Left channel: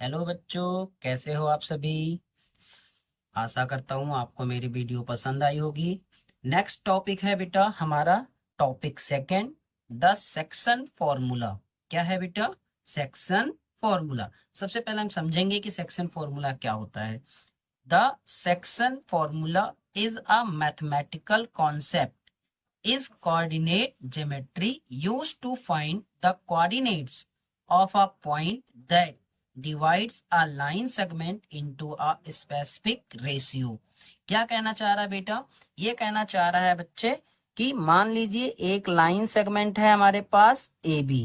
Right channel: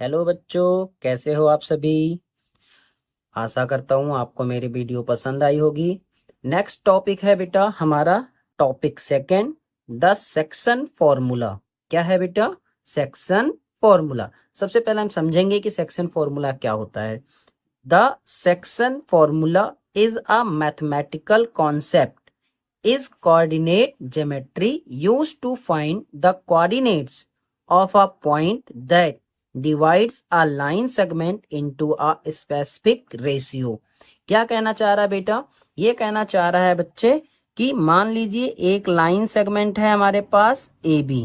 Hello बच्चों, कैसे हो आप सभी। आशा करता हूँ आपको मेरी वीडियो पसंद आई होगी। नेक्स्ट टॉपिक है बेटा हमारा topic second, the section formula. क्या है बेटा? Section formula. सबसे पहले हम समझेंगे कि सेक्शन फॉर्मूला क्या होता है। The section formula is a mathematical concept is coordinate geometry used to find the coordinates of a point that divides a line segment into a specific ratio। क्या कहना चाह रहा है बेटा? ये कहना चाह रहा है बच्चे कि मान लीजिए एक लाइन सेगमेंट है हमारे पास ए बी।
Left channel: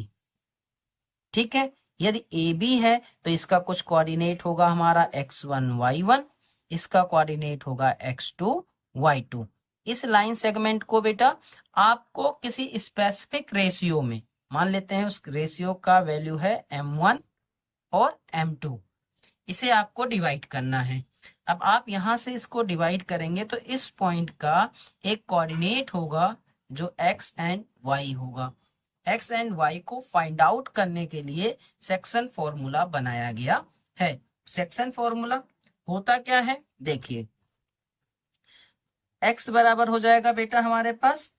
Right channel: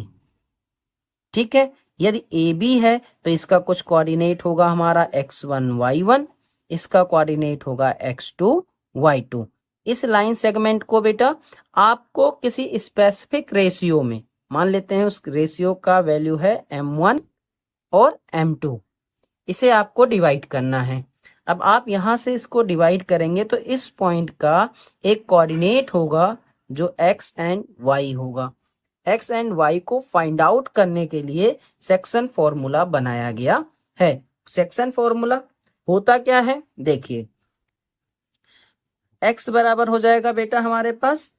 ठीक है, यदि ए बी है तो इसका कुछ कोऑर्डिनेट होगा हमारा x1 y1, इसका कोऑर्डिनेट होगा x2 y2। इस लाइन सेगमेंट को बेटा आपको किसी स्पेसिफिक रेशियो में, मान लेते हैं उस रेशियो का वैल्यू है m1 और m2, इसे आपको डिवाइड करना है। अब आप यहां से इसको डिवाइड करेंगे तो इस पॉइंट का एक कोऑर्डिनेट होगा जो x एंड y होगा। एक्स एंड वाई को फाइंड आउट करने के लिए सेक्शन फॉर्मूला बनाया गया है। सेक्शन फॉर्मूला होता क्या है देखिए, एक्स बराबर हो जाएगा बेटा हमारे पास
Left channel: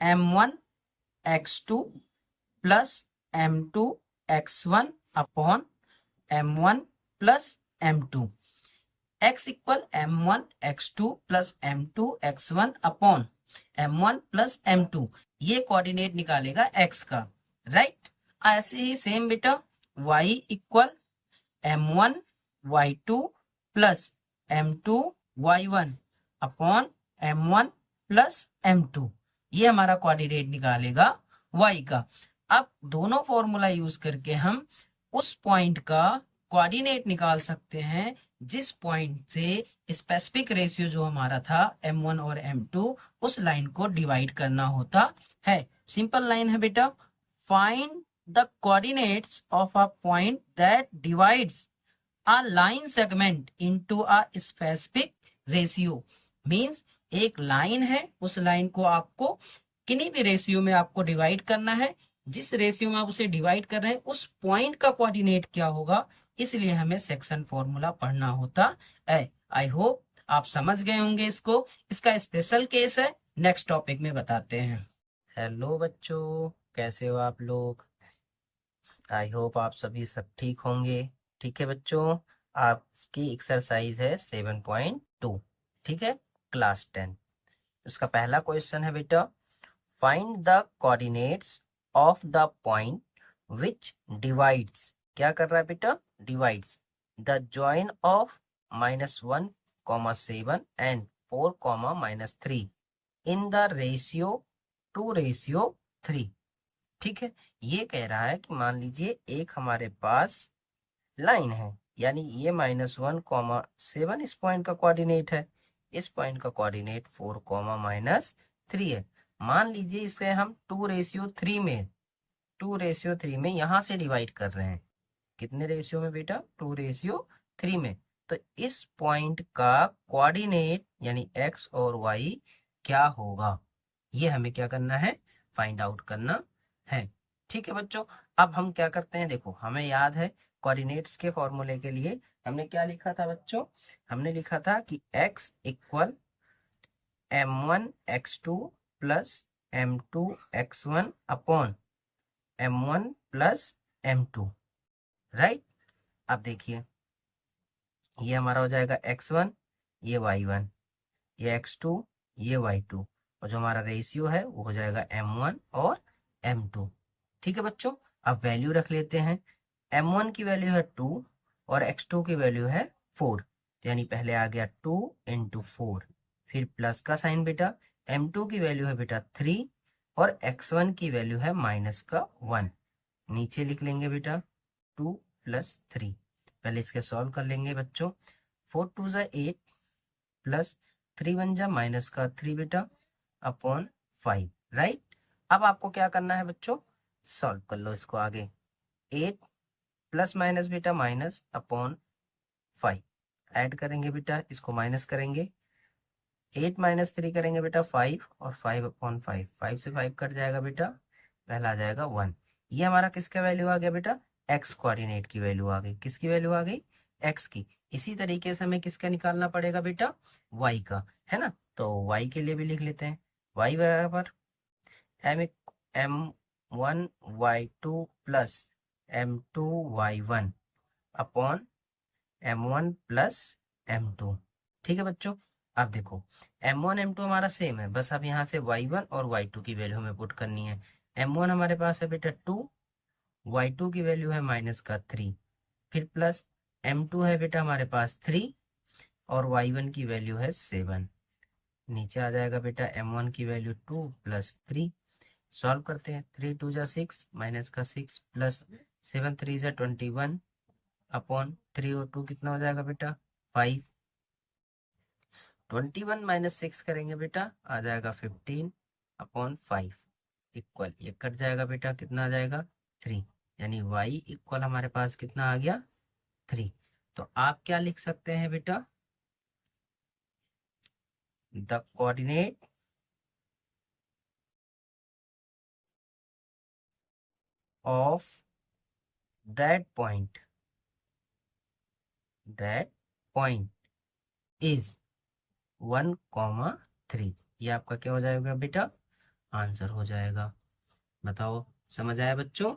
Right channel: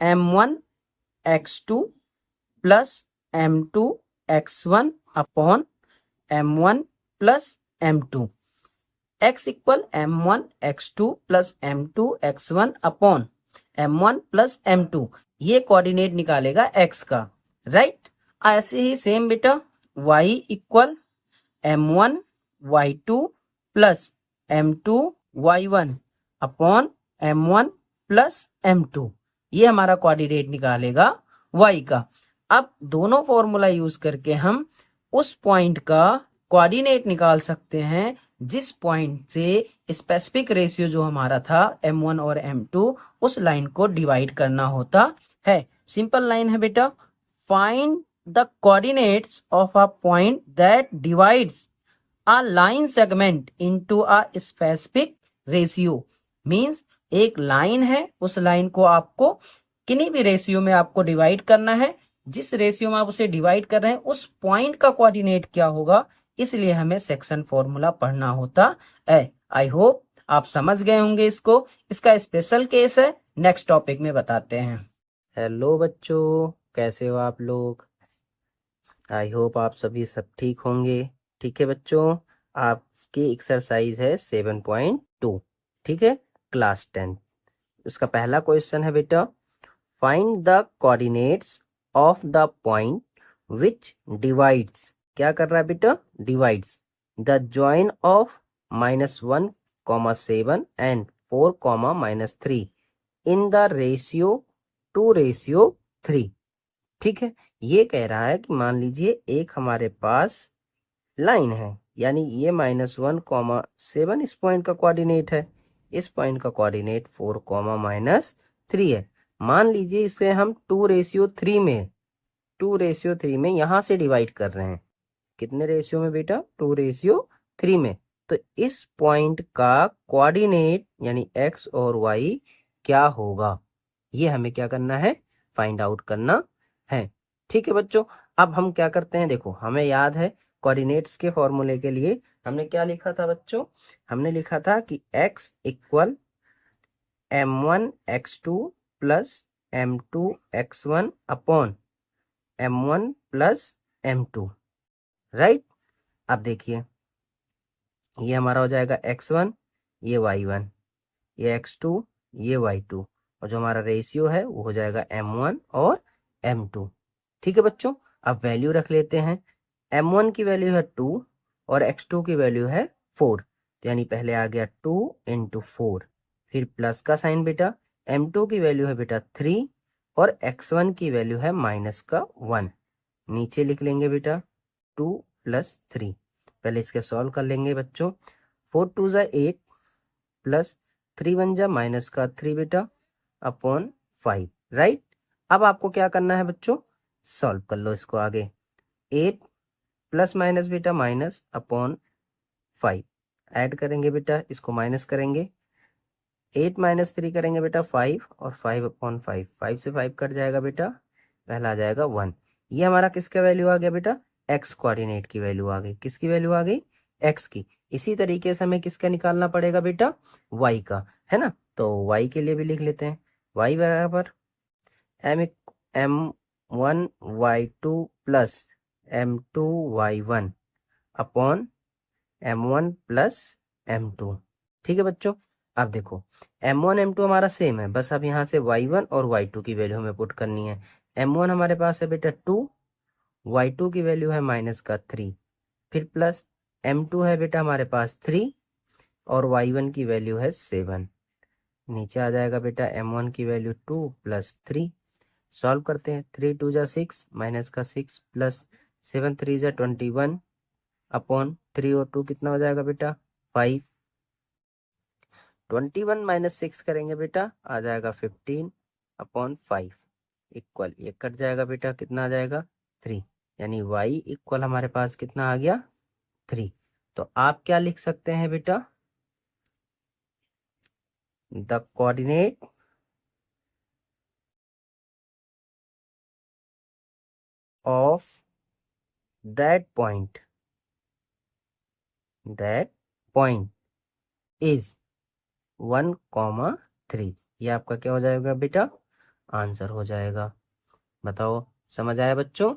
m1 x2 plus m2 x1 upon m1 plus m2। x equal m1 x2 plus m2 x1 upon m1 plus m2, ये कोऑर्डिनेट निकालेगा x का, राइट। ऐसे ही सेम बेटा y equal m1 y2 plus m2 y1 upon m1 plus m2, ये हमारा coordinate निकालेगा y का। अब दोनों फॉर्मूला यूज करके हम उस पॉइंट का कोऑर्डिनेट निकाल सकते हैं जिस पॉइंट से स्पेसिफिक रेशियो जो हमारा था m1 और m2, उस लाइन को डिवाइड करना होता है। सिंपल लाइन है बेटा, find the coordinates of a point that divides a line segment into a specific ratio. Means एक लाइन है, उस लाइन को आपको किन्हीं भी रेशियो में आपको डिवाइड करना है। जिस रेशियो में आप उसे डिवाइड कर रहे हैं उस पॉइंट का कोऑर्डिनेट क्या होगा, इसलिए हमें सेक्शन फॉर्मूला पढ़ना होता है। आई होप आप समझ गए होंगे इसको। इसका स्पेशल केस है, नेक्स्ट टॉपिक में बताते हैं। हेलो बच्चों, कैसे हो आप लोग। आई होप आप सभी सब ठीक होंगे। ठीक है बच्चों, आपकी एक्सरसाइज है 7.2। ठीक है, क्लास 10। उसका पहला क्वेश्चन है बेटा, find the coordinates of the point which divides. क्या कर रहा है बेटा? Divides the join of -1, 7 and 4, -3 in the ratio 2:3। ठीक है, ये कह रहा है कि मान लीजिए एक हमारे पास लाइन है, यानी ये -1, 7 इस पॉइंट का कोऑर्डिनेट है, इस पॉइंट का कोऑर्डिनेट 4, -3 है। मान लीजिए इसे हम 2:3 में, 2:3 में यहां से डिवाइड कर रहे हैं। कितने रेशियो में बेटा? 2:3 में। तो इस पॉइंट का कोऑर्डिनेट यानी x और y क्या होगा, ये हमें क्या करना है? फाइंड आउट करना है। ठीक है बच्चों, अब हम क्या करते हैं, देखो हमें याद है कोऑर्डिनेट्स के फॉर्मूले के लिए हमने क्या लिखा था बच्चों? हमने लिखा था कि x equal m1 x2 plus m2 x1 upon m1 plus m2, right. अब देखिए ये हमारा हो जाएगा x1, ये y1, ये x2, ये y2, और जो हमारा रेशियो है वो हो जाएगा m1 और m2। ठीक है बच्चों, अब वैल्यू रख लेते हैं। m1 की वैल्यू है 2 और x2 की वैल्यू है 4, तो यानी पहले आ गया 2 × 4, फिर प्लस का साइन बेटा। m2 की वैल्यू है बेटा 3 और x1 की वैल्यू है -1। नीचे लिख लेंगे बेटा 2 + 3। पहले इसके सॉल्व कर लेंगे बच्चों। 4 2 = 8 प्लस 3 1 = -3 बेटा अपॉन 5, राइट। अब आपको क्या करना है बच्चों? सॉल्व कर लो इसको आगे। 8 प्लस माइनस बेटा माइनस अपॉन 5, ऐड करेंगे बेटा, इसको माइनस करेंगे। 8 - 3 करेंगे बेटा 5 और 5/5, 5 से 5 कट जाएगा बेटा, पहला आ जाएगा 1। ये हमारा किसका वैल्यू आ गया बेटा? एक्स कोऑर्डिनेट की वैल्यू आ गई। किसकी वैल्यू आ गई? एक्स की। इसी तरीके से हमें किसका निकालना पड़ेगा बेटा? वाई का, है ना। तो वाई के लिए भी लिख लेते हैं, वाई बराबर m1 y2 plus m2 y1 upon m1 plus m2। ठीक है बच्चों। अब देखो m1 m2 हमारा सेम है, बस अब यहाँ से y1 और y2 की वैल्यू हमें पुट करनी है। m1 हमारे पास है बेटा 2, y2 की वैल्यू है -3, फिर प्लस m2 है बेटा हमारे पास 3 और y1 की वैल्यू है 7। नीचे आ जाएगा बेटा m1 की वैल्यू 2 प्लस 3। सॉल्व करते हैं, 3 2 जा 6, माइनस का 6 प्लस 7 3 जा 21 अपॉन 3 और 2 कितना हो जाएगा बेटा? 5। 21 माइनस 6 करेंगे बेटा, आ जाएगा 15 अपॉन 5 इक्वल, ये कट जाएगा बेटा, कितना आ जाएगा? 3। यानी y इक्वल हमारे पास कितना आ गया? 3। तो आप क्या लिख सकते हैं बेटा? The coordinate of that point is 1,3। ये आपका क्या हो जाएगा बेटा? आंसर हो जाएगा। बताओ समझ आया बच्चों?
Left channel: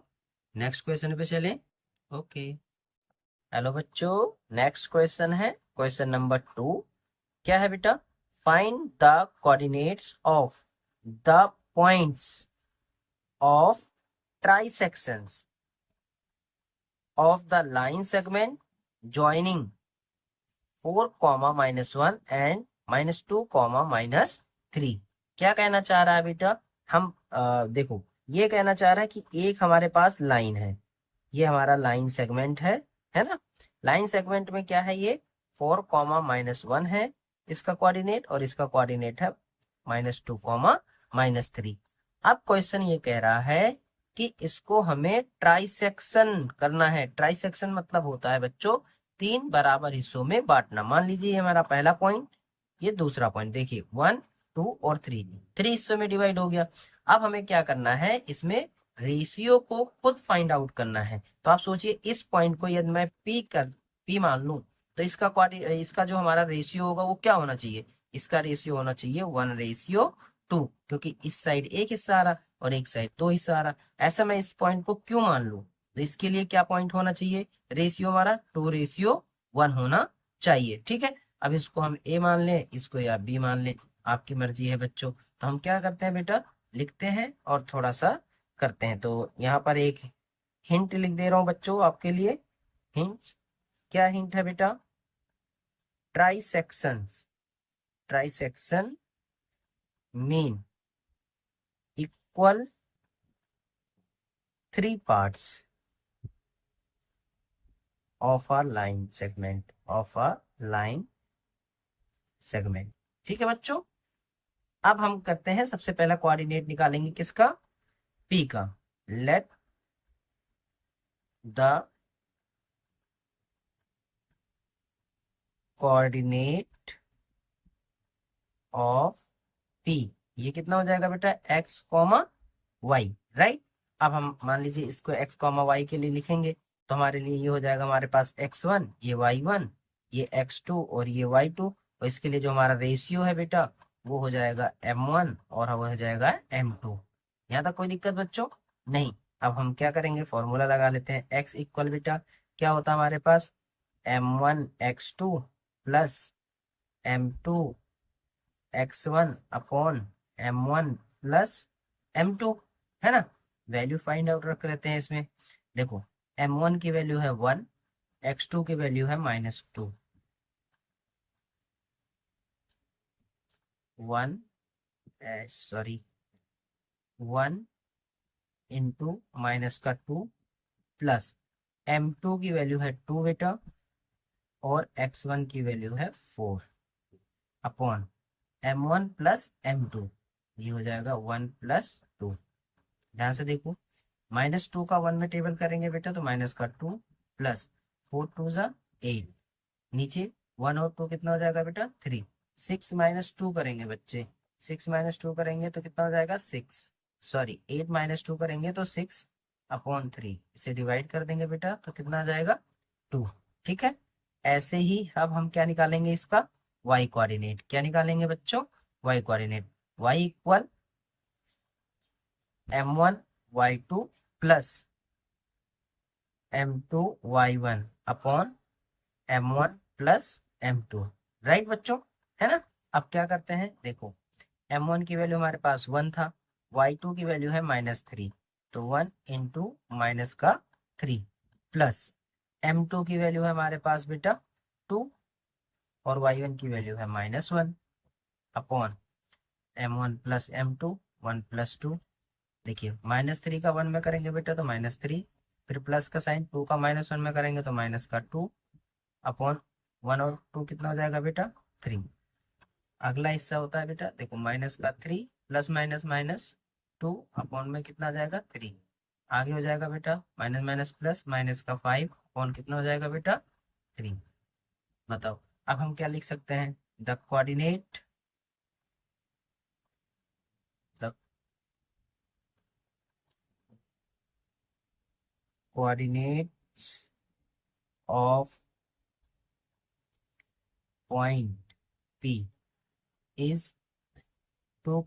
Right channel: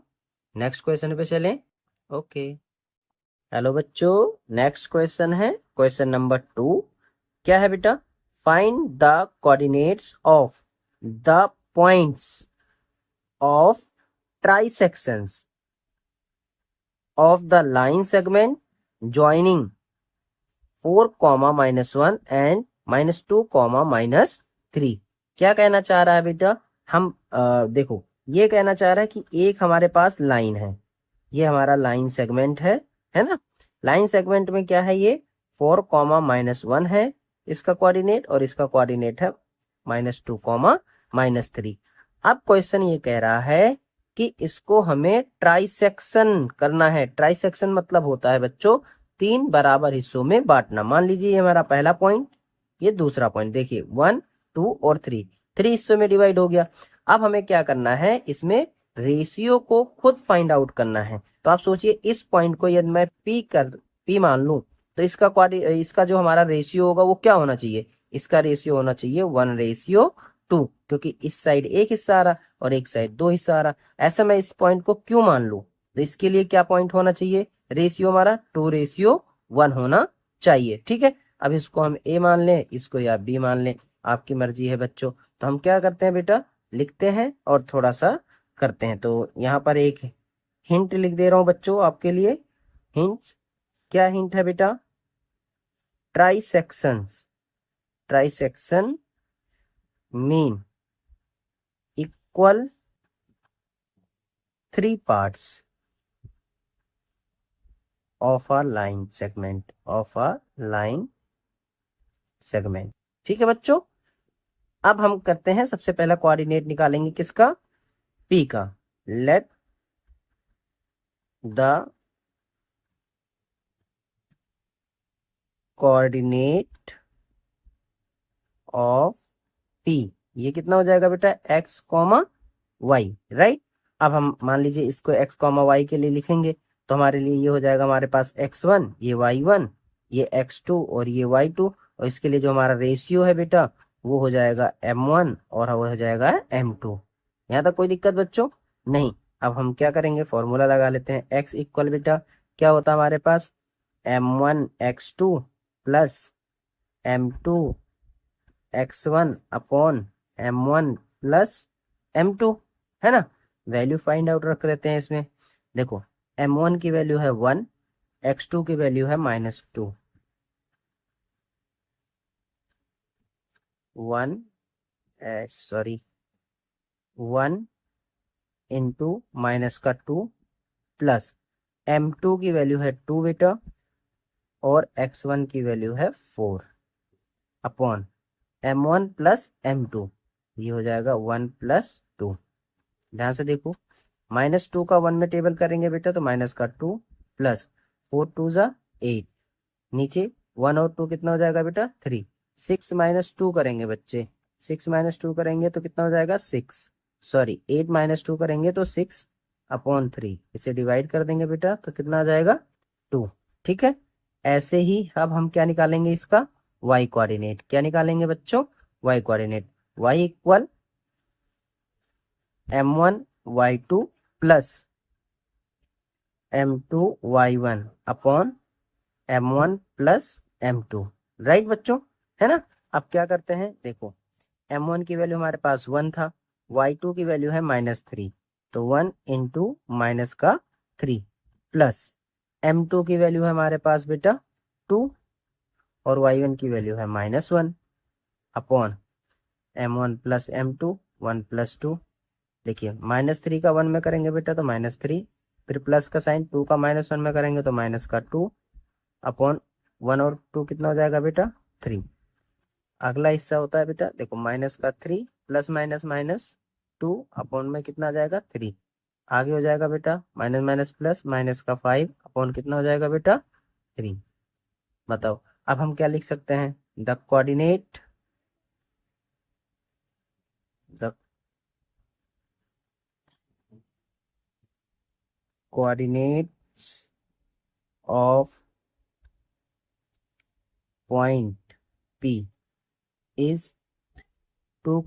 नेक्स्ट क्वेश्चन पे चलें। ओके हेलो बच्चों, नेक्स्ट क्वेश्चन है क्वेश्चन नंबर 2। क्या है बेटा? Find the coordinates of the points of trisections of the line segment joining 4, -1 and -2, -3। क्या कहना चाह रहा है बेटा? हम देखो ये कहना चाह रहा है कि एक हमारे पास लाइन है, ये हमारा लाइन सेगमेंट है ना। लाइन सेगमेंट में क्या है? ये 4, -1 है इसका कोऑर्डिनेट, और इसका कोऑर्डिनेट है -2, -3। अब क्वेश्चन ये कह रहा है कि इसको हमें ट्राइसेक्शन करना है। ट्राइसेक्शन मतलब होता है बच्चों 3 बराबर हिस्सों में बांटना। मान लीजिए ये हमारा पहला पॉइंट, ये दूसरा पॉइंट, देखिए 1 2 और 3 हिस्सों में डिवाइड हो गया। अब हमें क्या करना है? इसमें रेशियो को खुद फाइंड आउट करना है। तो आप सोचिए इस पॉइंट को यदि मैं पी मान लूं, तो इसका जो हमारा रेशियो होगा वो क्या होना चाहिए? इसका रेशियो होना चाहिए 1:2, क्योंकि इस साइड एक हिस्सा आ रहा और एक साइड 2 हिस्सा आ रहा। ऐसा मैं इस पॉइंट को क्यों मान लूं? तो इसके लिए क्या पॉइंट होना चाहिए? रेशियो हमारा 2:1 होना चाहिए। ठीक है, अब इसको हम ए मान लें, इसको या बी मान लें, आपकी मर्जी है बच्चों। तो हम क्या करते हैं बेटा? लिखते हैं और थोड़ा सा करते हैं। तो यहाँ पर एक हिंट लिख दे रहा हूं बच्चों आपके लिए। हिंट, क्या हिंट है बेटा? Trisection mean equal 3 parts of a line segment। ठीक है बच्चों। अब हम करते हैं, सबसे पहला कोऑर्डिनेट निकालेंगे किसका? पी का। Let the coordinate of P, ये कितना हो जाएगा बेटा? x, y, right. अब हम मान लीजिए इसको x, y के लिए लिखेंगे, तो हमारे लिए ये हो जाएगा हमारे पास x1, ये y1, ये x2 और ये y2। और इसके लिए जो हमारा रेशियो है बेटा वो हो जाएगा m1 और वो हो जाएगा m2। यहाँ तक कोई दिक्कत बच्चों? नहीं। अब हम क्या करेंगे? फॉर्मूला लगा लेते हैं। x इक्वल बेटा क्या होता है हमारे पास? m1x2 plus m2 x1 upon m1 plus m2, है ना। वैल्यू फाइंड आउट रख लेते हैं इसमें। देखो m1 की वैल्यू है 1, x2 की वैल्यू है -2। 1 इंटू माइनस का 2 प्लस m2 की वैल्यू है 2 बेटा, और x1 की वैल्यू है 4 अपॉन m1 प्लस m2, ये हो जाएगा 1 + 2। ध्यान से देखो, -2 का 1 में टेबल करेंगे बेटा तो माइनस का 2 प्लस 4 2 जा 8, नीचे 1 और 2 कितना हो जाएगा बेटा? 3। 6 - 2 करेंगे बच्चे, 6 - 2 करेंगे तो कितना हो जाएगा? 6, सॉरी 8 - 2 करेंगे तो 6 अपॉन 3, इसे डिवाइड कर देंगे बेटा तो कितना आ जाएगा 2। ठीक है, ऐसे ही अब हम क्या निकालेंगे इसका y कोऑर्डिनेट। क्या निकालेंगे बच्चों, y coordinate. y equal m1 y2 plus m2 y1 upon m1 plus m2। Right बच्चों, है ना। अब क्या करते हैं, देखो m1 की वैल्यू हमारे पास 1 था, y2 की वैल्यू है -3, तो 1 इंटू माइनस का 3 प्लस m2 की वैल्यू है हमारे पास बेटा 2 और y1 की वैल्यू है -1 upon m1 plus m2 1 plus 2। देखिए -3 का 1 में करेंगे बेटा तो -3, फिर प्लस का साइन 2 का -1 में करेंगे तो माइनस का 2 अपॉन 1 और 2 कितना हो जाएगा बेटा 3। अगला हिस्सा होता है बेटा, देखो माइनस का 3 प्लस माइनस माइनस 2 अपॉन में कितना आ जाएगा 3। आगे हो जाएगा बेटा माइनस माइनस प्लस माइनस का 5 अपॉन कितना हो जाएगा बेटा 3। बताओ अब हम क्या लिख सकते हैं, the coordinates of point P is 2,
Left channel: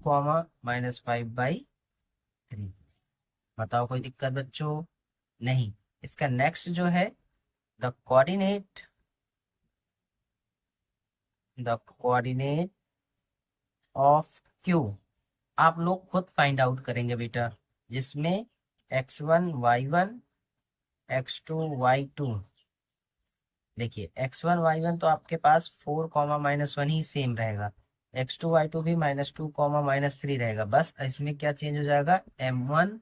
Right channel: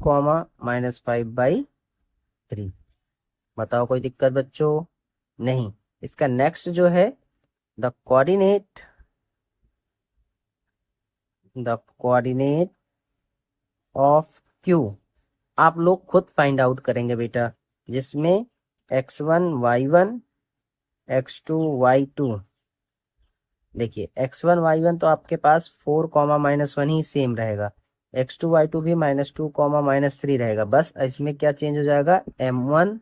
-5/3। बताओ कोई दिक्कत बच्चों, नहीं। इसका नेक्स्ट जो है द कोऑर्डिनेट ऑफ Q, आप लोग खुद फाइंड आउट करेंगे बेटा, जिसमें x1 y1 x2 y2। देखिए x1 y1 तो आपके पास 4, -1 ही सेम रहेगा, x2 y2 भी -2, -3 रहेगा। बस इसमें क्या चेंज हो जाएगा, m1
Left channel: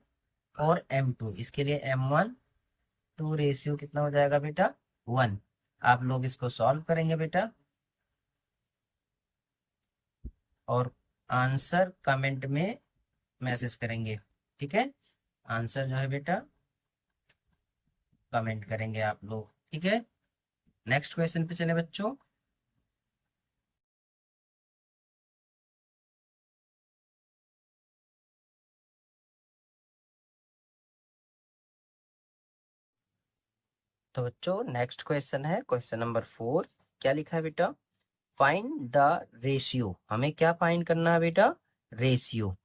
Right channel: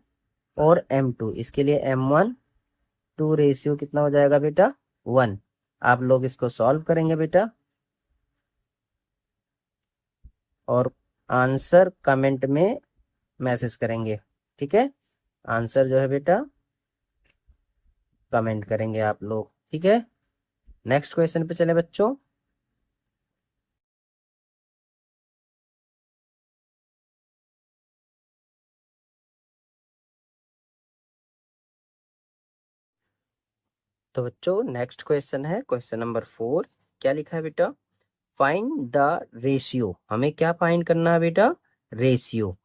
और m2। इसके लिए m1 2 रेशियो कितना हो जाएगा बेटा 1। आप लोग इसको सॉल्व करेंगे बेटा और आंसर कमेंट में मैसेज करेंगे। ठीक है, आंसर जो है बेटा कमेंट करेंगे आप लोग। ठीक है, नेक्स्ट क्वेश्चन पे चले बच्चों। तो बच्चों नेक्स्ट क्वेश्चन है क्वेश्चन नंबर 4। क्या लिखा है बेटा, फाइंड द रेशियो। हमें क्या फाइंड करना है बेटा, ratio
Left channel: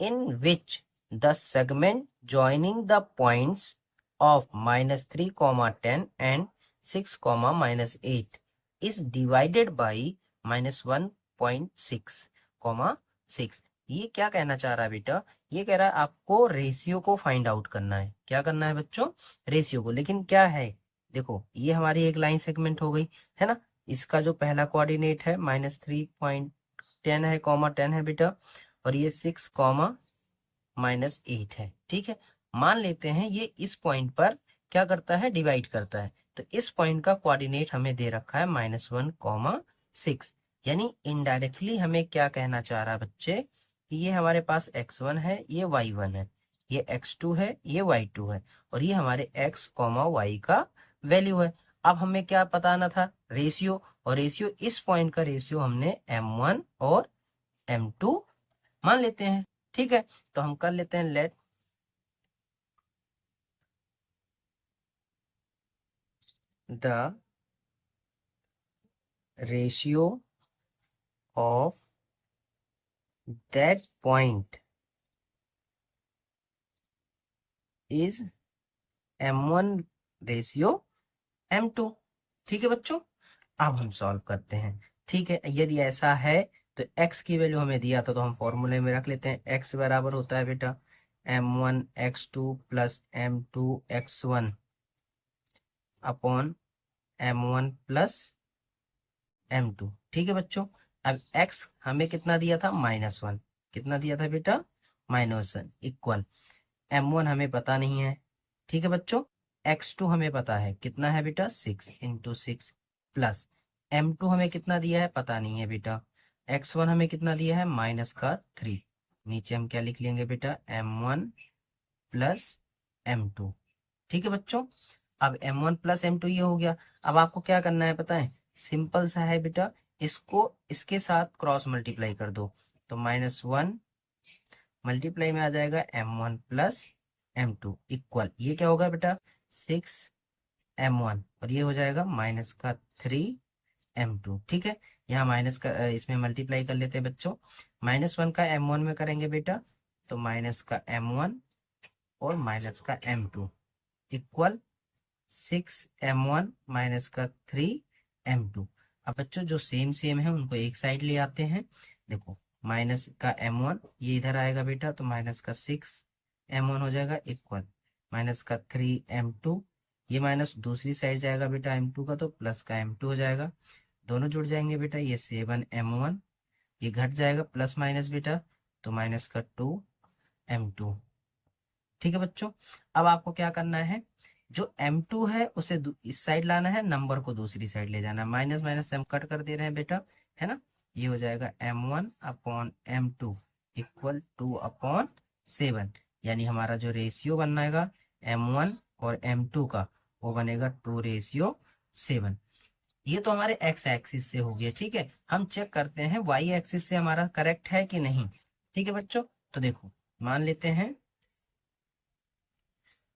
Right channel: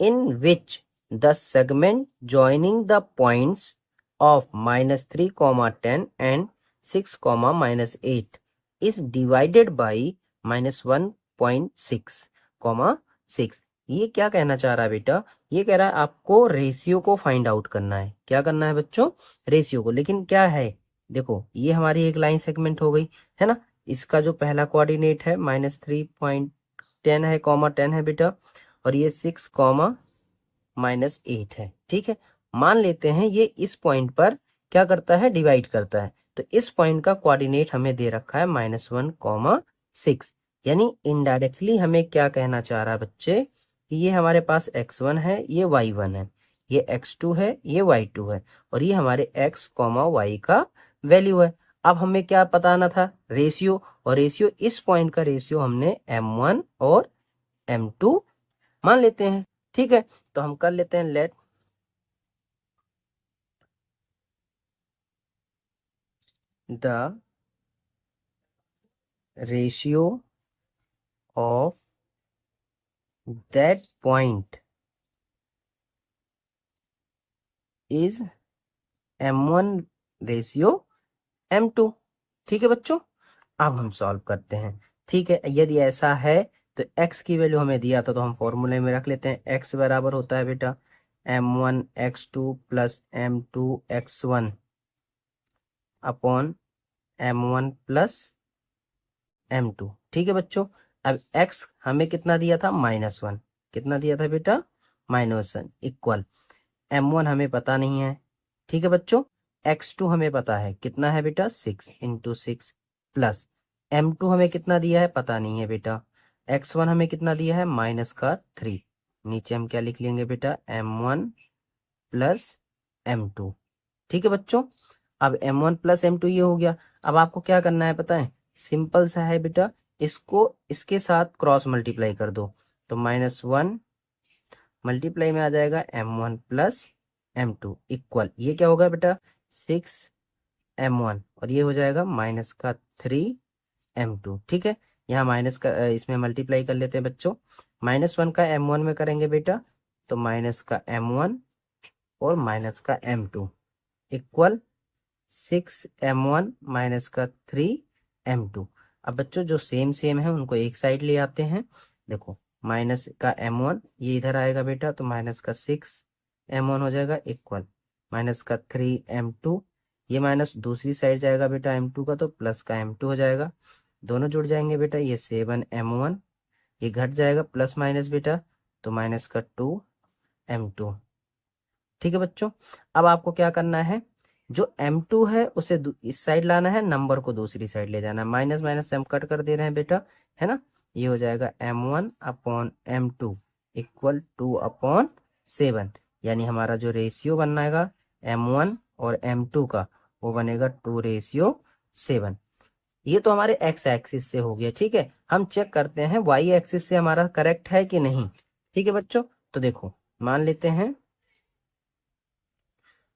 in which the segment joining the points of -3, 10 and 6, -8 is divided by -1.6, 6। ये क्या कहना चाह रहा है बेटा, ये कह रहा है आपको रेशियो को फाइंड आउट करना है। क्या करना है बच्चों, रेशियो को। लेकिन क्या है, देखो ये हमारी एक लाइन सेगमेंट हो गई, है ना। इसका जो पहला कोऑर्डिनेट है -3.10 है, 10 है बेटा, और ये 6, -8 है। ठीक है, मान लेते हैं ये इस पॉइंट पर क्या करता है, डिवाइड करता है। तो इस पॉइंट का कोऑर्डिनेट हमें दे रखा है -1, 6। यानी इनडायरेक्टली हमें क्या कहना चाह रहा है बच्चे, कि ये हमारे पास x1 है, ये y1 है, ये x2 है, ये y2 है, और ये हमारे x, y का वैल्यू है। अब हमें क्या बताना था, रेशियो। और रेशियो, इस पॉइंट का रेशियो हमने m1 और m2 मान लेते हैं। ठीक है, तो हम कर लेते हैं, let the ratio of that point is m1 ratio m2। ठीक है बच्चों, अब हम सॉल्व करते हैं। ठीक है, यदि ऐसा है तो x की वैल्यू हमें दिया था तो हम फॉर्मूले में रख लेते हैं। x बराबर होता है बेटा m1 x2 plus m2 x1 upon m1 plus m2। ठीक है बच्चों, अब x हमें कितना दिया था, -1। कितना दिया था बेटा, -1 इक्वल m1 हमें पता नहीं है। ठीक है बच्चों, x2 हमें पता है, कितना है बेटा 6 इंटू 6 प्लस m2 हमें कितना दिया है, पता नहीं है बेटा। x1 हमें कितना दिया है, -3। नीचे हम क्या लिख लेंगे बेटा, m1 प्लस m2। ठीक है बच्चों, अब m1 प्लस m2 ये हो गया। अब आपको क्या करना है पता है, सिंपल सा है बेटा, इसको इसके साथ क्रॉस मल्टीप्लाई कर दो, तो -1 मल्टीप्लाई में आ जाएगा m1 प्लस m2 इक्वल, ये क्या होगा बेटा 6m1 और ये हो जाएगा माइनस का 3m2। ठीक है, यहाँ माइनस का इसमें मल्टीप्लाई कर लेते हैं बच्चों। -1 का m1 में करेंगे बेटा तो माइनस का m1 और माइनस का m2 इक्वल 6m1 माइनस का 3m2। अब बच्चों जो सेम सेम है उनको एक साइड ले आते हैं। देखो माइनस का m1 ये इधर आएगा बेटा तो माइनस का 6m1 हो जाएगा इक्वल माइनस का 3m2, ये माइनस दूसरी साइड जाएगा बेटा m2 का तो प्लस का m2 हो जाएगा, दोनों जुड़ जाएंगे बेटा, ये 7m1 ये घट जाएगा प्लस माइनस बेटा तो माइनस का 2m2। ठीक है बच्चों, अब आपको क्या करना है, जो m2 है उसे इस साइड लाना है, नंबर को दूसरी साइड ले जाना है, माइनस माइनस से हम कट कर दे रहे हैं बेटा, है ना। ये हो जाएगा m1 अपॉन m2 इक्वल 2/7, यानी हमारा जो रेशियो बनेगा m1 और m2 का वो बनेगा 2:7। ये तो हमारे x एक्सिस से हो गया। ठीक है, हम चेक करते हैं y एक्सिस से हमारा करेक्ट है कि नहीं। ठीक है बच्चों, तो देखो मान लेते हैं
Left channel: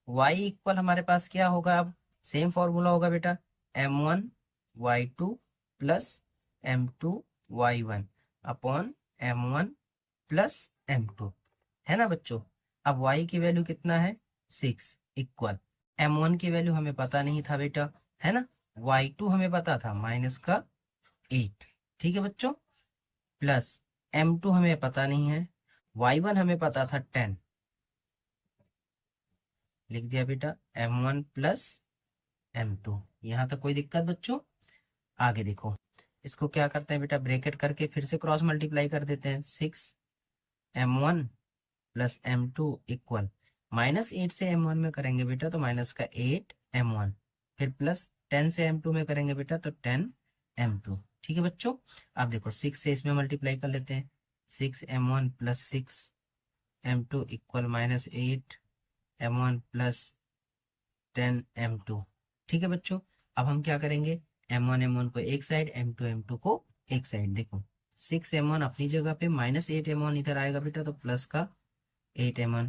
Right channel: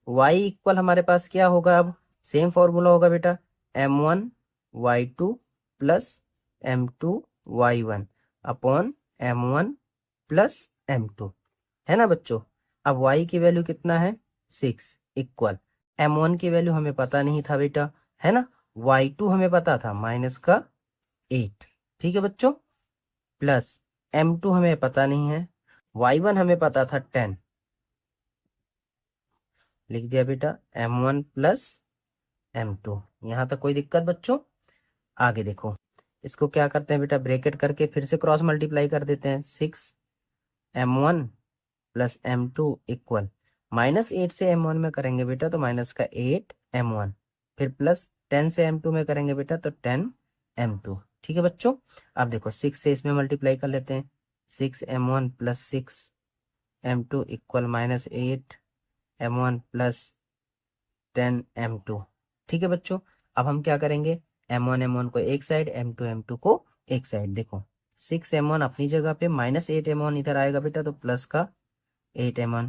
y इक्वल हमारे पास क्या होगा, अब सेम फॉर्मूला होगा बेटा m1 y2 plus m2 y1 upon m1 plus m2, है ना बच्चों। अब y की वैल्यू कितना है 6 इक्वल m1 की वैल्यू हमें पता नहीं था बेटा, है ना, y2 हमें पता था माइनस का 8। ठीक है बच्चों, प्लस m2 हमें पता नहीं है, y1 हमें पता था 10, लिख दिया बेटा m1 प्लस m2। यहां तक कोई दिक्कत बच्चों। आगे देखो, इसको क्या करते हैं बेटा, ब्रैकेट करके फिर से क्रॉस मल्टीप्लाई कर देते हैं, 6m1 प्लस m2 इक्वल -8 से m1 में करेंगे बेटा तो माइनस का 8m1, फिर प्लस 10 से m2 में करेंगे बेटा तो 10m2। ठीक है बच्चों, अब देखो 6 से इसमें मल्टीप्लाई कर लेते हैं, 6m1 plus 6m2 equal -8m1 plus 10m2। ठीक है बच्चों, अब हम क्या करेंगे, m1 m1 को एक साइड, m2 m2 को एक साइड। देखो 6m1 अपनी जगह पे, -8m1 इधर आएगा बेटा तो प्लस का 8m1,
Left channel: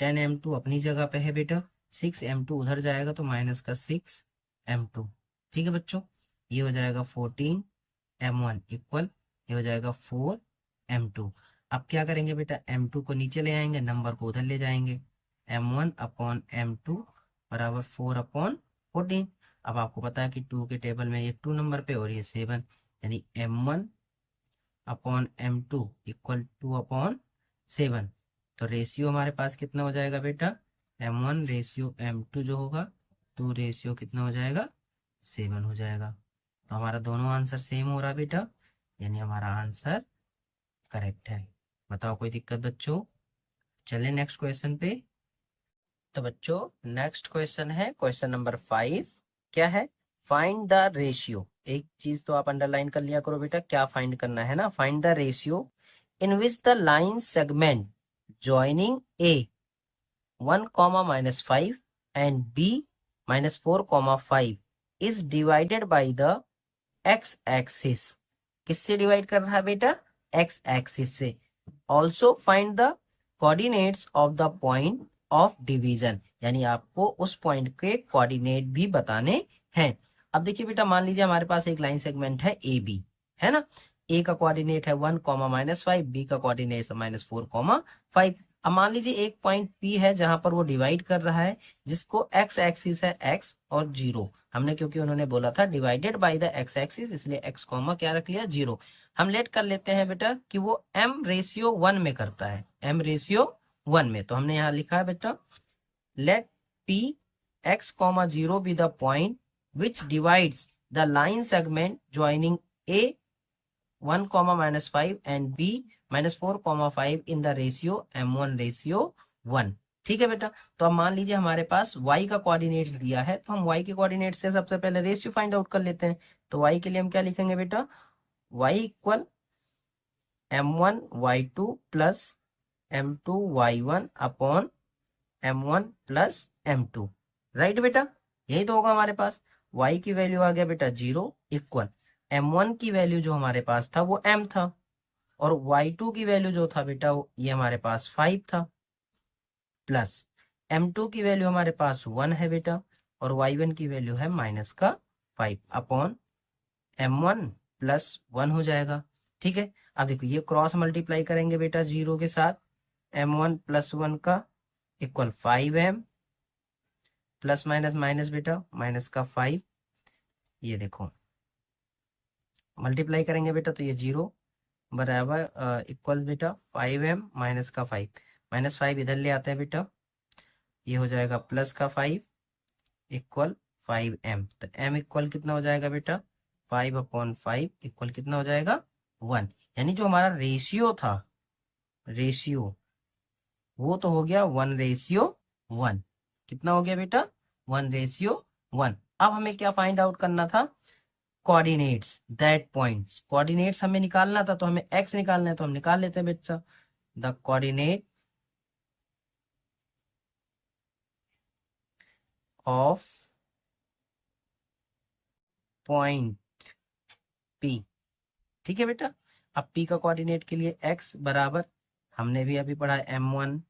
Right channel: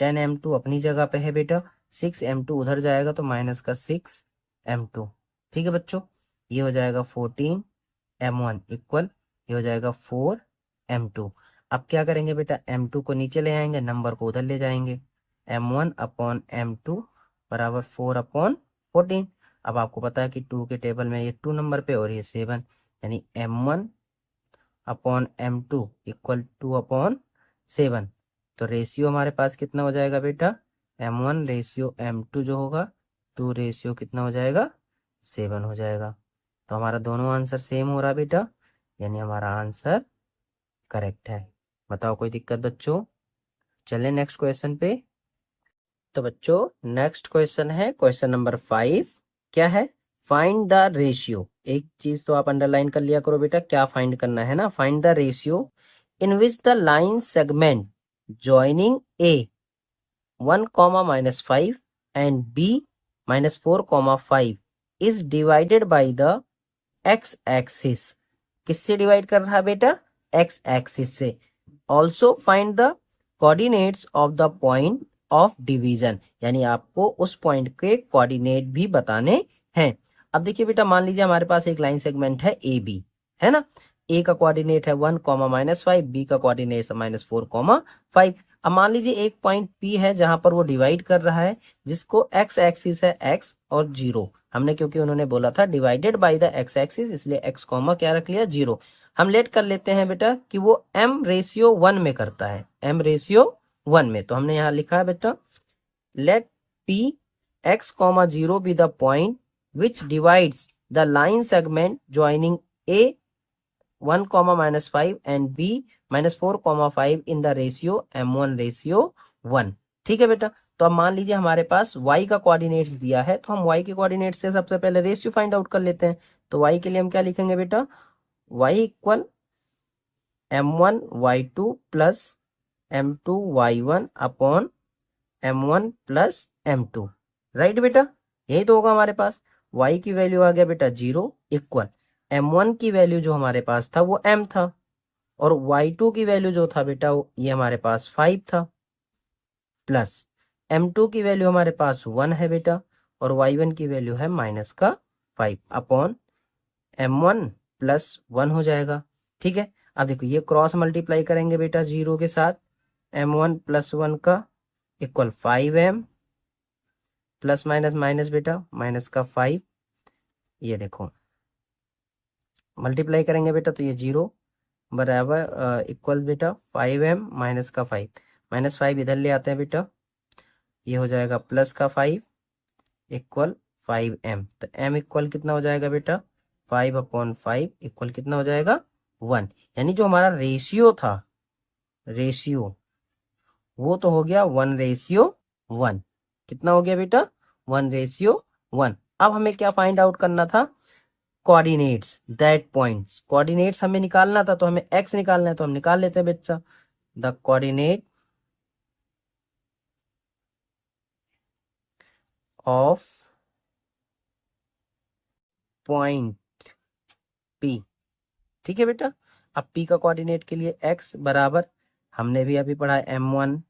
10m2 अपनी जगह पे है बेटा, 6m2 उधर जाएगा तो माइनस का 6m2। ठीक है बच्चों, ये हो जाएगा 14m1 इक्वल ये हो जाएगा 4m2। अब क्या करेंगे बेटा, m2 को नीचे ले आएंगे, नंबर को उधर ले जाएंगे, m1 अपॉन m2 बराबर 4/14। अब आपको पता है कि 2 के टेबल में ये 2 नंबर पे और ये 7, यानी m1 अपॉन m2 इक्वल 2/7। तो रेशियो हमारे पास कितना हो जाएगा बेटा, m1 रेशियो m2 जो होगा 2 रेशियो कितना हो जाएगा 7 हो जाएगा। तो हमारा दोनों आंसर सेम हो रहा बेटा, यानी हमारा आंसर करेक्ट है। बताओ कोई दिक्कत बच्चों। चले नेक्स्ट क्वेश्चन पे। तो बच्चों नेक्स्ट क्वेश्चन है क्वेश्चन नंबर 5। क्या है, फाइंड द रेशियो। एक चीज तो आप अंडरलाइन कर लिया करो बेटा, क्या फाइंड करना है ना, find the ratio in which the line segment joining a 1, -5 and b -4, 5 is divided by the x axis। किससे डिवाइड कर रहा है बेटा, x एक्सिस से। Also find the coordinates of the point of division, यानी आपको उस पॉइंट के कोऑर्डिनेट भी बताने हैं। अब देखिए बेटा, मान लीजिए हमारे पास एक लाइन सेगमेंट है ए बी, है ना, ए का कोऑर्डिनेट है 1, -5, बी का कोऑर्डिनेट है -4, 5। अब मान लीजिए एक पॉइंट पी है जहां पर वो डिवाइड कर रहा है, जिसको एक्स एक्सिस है x और 0, हमने क्योंकि उन्होंने बोला था divided by the x axis, इसलिए x कॉमा क्या रख लिया 0। हम लेट कर लेते हैं बेटा कि वो m/1 में करता है, m/1 में। तो हमने यहाँ लिखा है बेटा let p x, 0 be the point which divides the line segment joining a 1, -5 and b -4, 5 in the ratio m1/1। ठीक है बेटा, तो अब मान लीजिए हमारे पास y का कोऑर्डिनेट्स दिया है, तो हम y के कोऑर्डिनेट से सबसे पहले रेशियो फाइंड आउट कर लेते हैं। तो y के लिए हम क्या लिखेंगे बेटा, y equal m1 y2 plus m2 y1 upon m1 plus m2। Right बेटा, यही तो होगा हमारे पास। y की वैल्यू आ गया बेटा 0 इक्वल m1 की वैल्यू जो हमारे पास था वो m था, और y2 की वैल्यू जो था बेटा ये हमारे पास 5 था, प्लस m2 की वैल्यू हमारे पास 1 है बेटा, और y1 की वैल्यू है -5 अपॉन m1 प्लस 1 हो जाएगा। ठीक है, अब देखो ये क्रॉस मल्टीप्लाई करेंगे बेटा 0 के साथ, m1 प्लस 1 का equal 5m plus minus minus बेटा माइनस का 5, ये देखो मल्टीप्लाई करेंगे बेटा तो ये 0 बराबर इक्वल बेटा 5m माइनस का 5, -5 इधर ले आते हैं बेटा, ये हो जाएगा प्लस का 5 इक्वल 5m, तो m इक्वल कितना हो जाएगा बेटा 5/5 इक्वल कितना हो जाएगा 1, यानी जो हमारा रेशियो था, रेशियो वो तो हो गया 1:1। कितना हो गया बेटा 1:1। अब हमें क्या फाइंड आउट करना था, कोऑर्डिनेट्स दैट पॉइंट्स, कोऑर्डिनेट्स हमें निकालना था, तो हमें x निकालना है तो हम निकाल लेते हैं बच्चा। The coordinate of point P, ठीक है बेटा। अब P का कोऑर्डिनेट के लिए x बराबर, हमने भी अभी पढ़ा है m1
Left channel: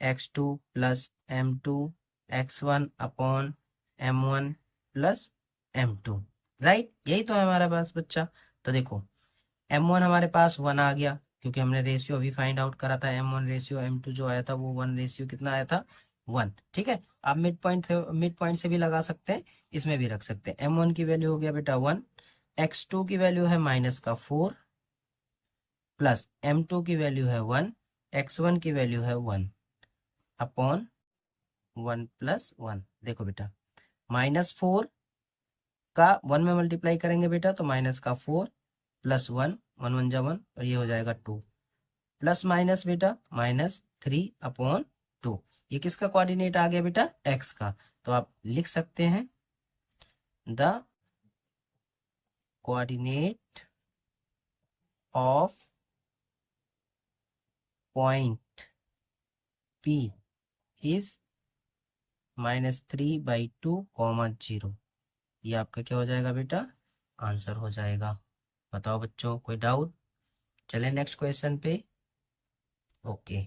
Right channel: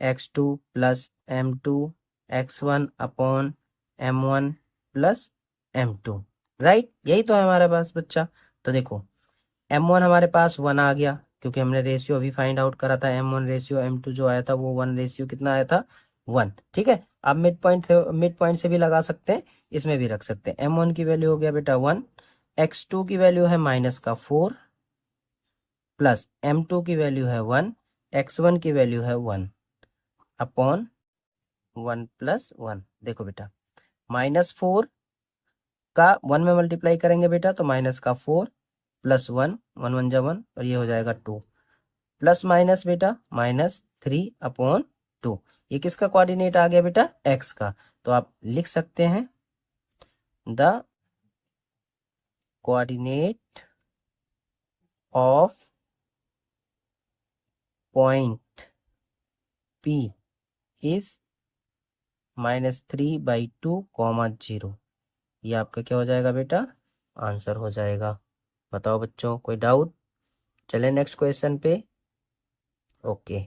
x2 plus m2 x1 upon m1 plus m2, right, यही तो है हमारे पास बच्चा। तो देखो m1 हमारे पास 1 आ गया, क्योंकि हमने रेशियो अभी फाइंड आउट करा था, m1 रेशियो m2 जो आया था वो 1 रेशियो कितना आया था 1। ठीक है, अब मिड पॉइंट से भी लगा सकते हैं, इसमें भी रख सकते हैं। m1 की वैल्यू हो गया बेटा 1, x2 की वैल्यू है -4 प्लस m2 की वैल्यू है 1, x1 की वैल्यू है 1 अपॉन 1 प्लस 1। देखो बेटा -4 का 1 में मल्टीप्लाई करेंगे बेटा तो माइनस का 4 प्लस 1, 1 1 जा 1, और ये हो जाएगा 2 प्लस माइनस बेटा -3/2। ये किसका कोऑर्डिनेट आ गया बेटा x का, तो आप लिख सकते हैं the coordinate of point P is -3/2, ये आपका क्या हो जाएगा बेटा आंसर हो जाएगा। बताओ बच्चों कोई डाउट, चले नेक्स्ट क्वेश्चन पे। ओके